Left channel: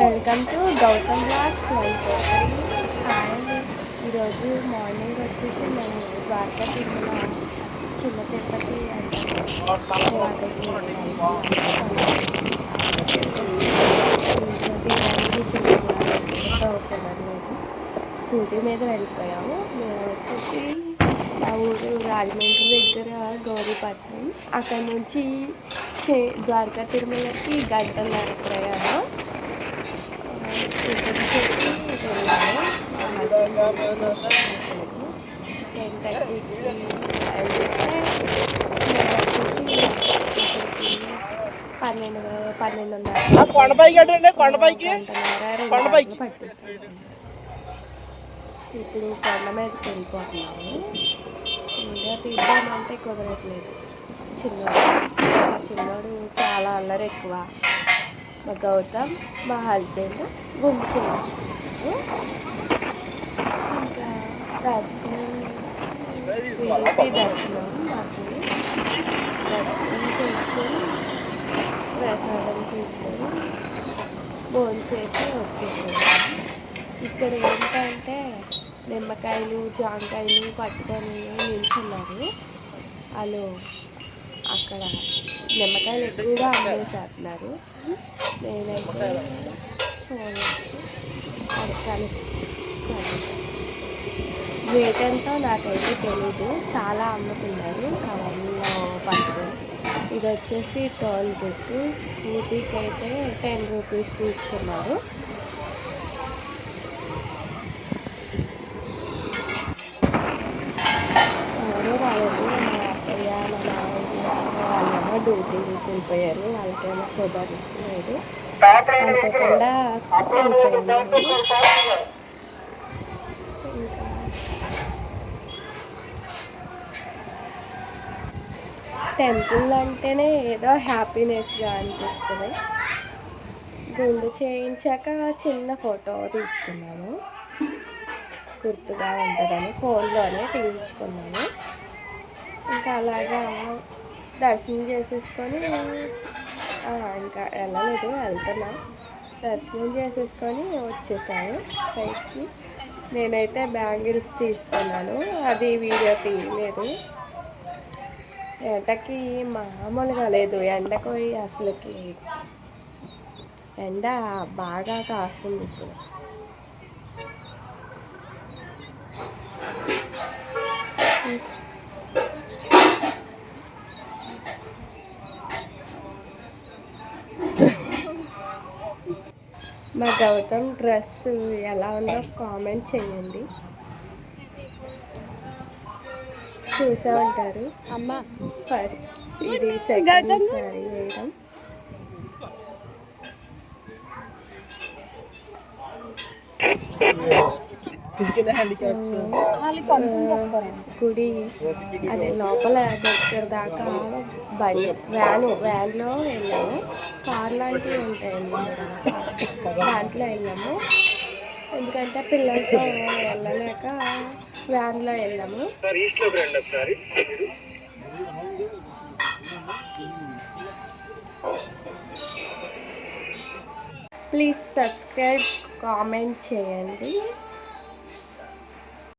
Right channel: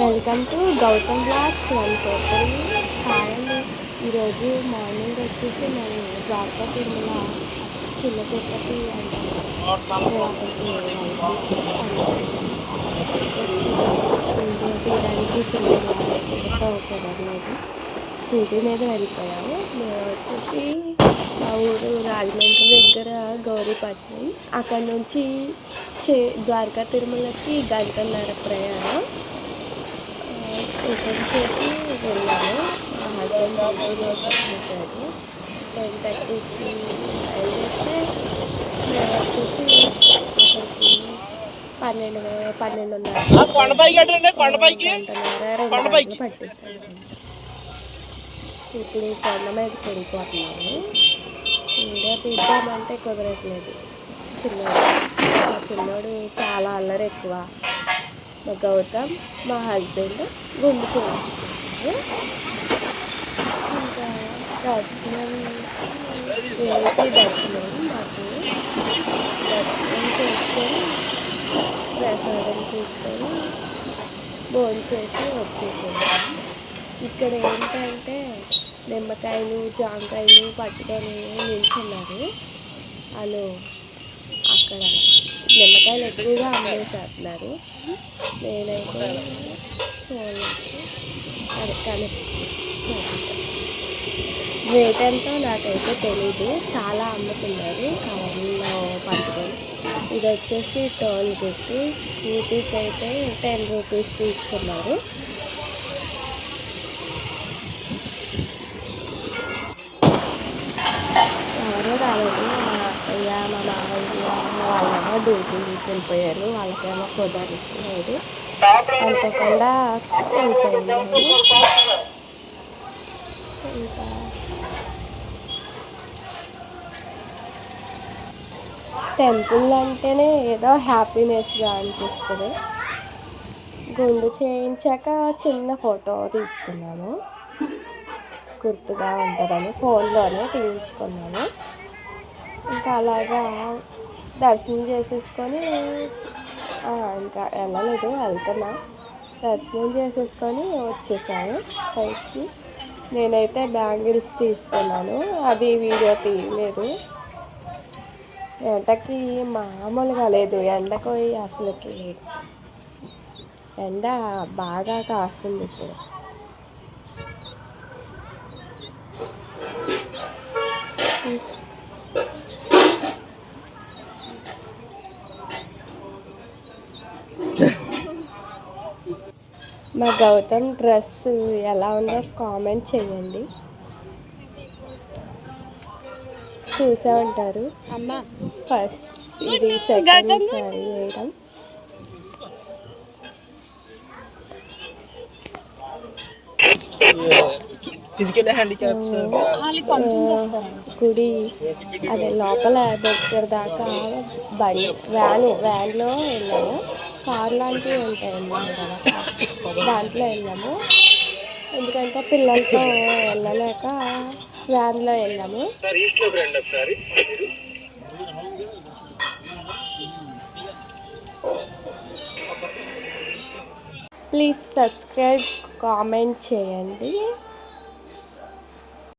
Welcome to Gautam blogs 143. Hi అండి. ఈరోజు morning వచ్చేసి మేము ద్వారకా తిరుమల చిన్న తిరుపతి అంటారు అక్కడికి వీడియో తీయడానికి చిన్న కుదరలేదు. స్కూటీ మీద వెళ్ళిపోయాము. మేము వచ్చేసి మా ఊరు రాజమండ్రి దగ్గర గౌరీపట్నం. అక్కడ నుంచి ద్వారకా తిరుమలకి 1.5 గంటల ప్రయాణం. టికెట్ చేసి వెళ్ళాము. మా హస్బెండ్ చేశాడు. 10:30కి బయలుదేరితే మేము వచ్చేసి అక్కడికి 12:30 పట్టింది. ఇప్పుడు కొండ మీదకి వెళ్ళిపోతున్నాము. వీడియో తీద్దామంటే కుదరట్లేదు. చిన్నోడు చాలా అల్లరి ఎక్కువ. మా గౌతమ్, మా హస్బెండ్ గుండు చేయించుకున్నారు. ఇంకా దర్శనం మాకు దర్శనం చేసుకొని ప్రసాదం తీసుకొని భోంచేసి వచ్చేసాము. ఇక్కడ ఏంటంటే నిమ్మకాయలు జాంకాయలు పట్టుకొని నిల్చున్నారు. వాళ్ళు అక్కడ నిమ్మకాయలు ఎక్కువగా అమ్మేసేస్తున్నారు. నేనైతే కానీ రేట్ ఎంతో నాకైతే తెలీదు. చాలా అమ్ముతున్నారు కవర్లో పట్టుకొని. ఇది వచ్చేసి టోల్ గేట్. స్కూటీకి అయితే 10 రూపీస్ తీసుకున్నారు. ఎవరో రాలేదు. మా అత్తయ్య మా మామయ్య వాళ్ళేమో డ్యూటీకి వెళ్ళిపోయారు. వాళ్ళకేమో కుదరలేదు. అనుకోకుండా వెళ్ళిపోయాము. ఇంకా టెంపుల్ అంటేనే ఏదో హ్యాపీనెస్గా అనిపిస్తుంది. గుండు చేయించాక చిన్న ఫోటో తీసుకున్నాము. గుర్తుగా ఉంటుందని ఫోన్లోనే తీయించుకున్నాను. ఇంకా అలాగా దర్శనం చేసేసుకొని ఇంకా వెళ్ళలేదు, వెళ్తున్నా. దర్శనం చేసేసుకొని వచ్చేసాను పైకి. నేనైతే బ్యాంగిల్స్ తీసుకున్నాను. అది వీడియో తీయలేదు. ఎండకి మామూలుగా లేదు. ఎండకు అసలుకి ఎండ బాగా కాస్తుంది ఇప్పుడు. మా గౌతమ్ డ్రెస్ ఎలా ఉందో కామెంట్ చేయండి. చూసా ఉంటారు. అమ్మ ఫస్ట్ ఇది సెకండ్ సారీ వేయడం. గుడి అదే లోపల దగ్గర దాకా వ్యాన్లో వెళ్ళాము. కార్ లాంటివి ఉంటాయండి దాంట్లో వెళ్ళాము. ఎందుకంటే పిల్లలతో వెళ్ళలేక వ్యాన్లో వెళ్ళాము. ప్లీజ్ సబ్స్క్రైబ్, కామెంట్ చేయండి.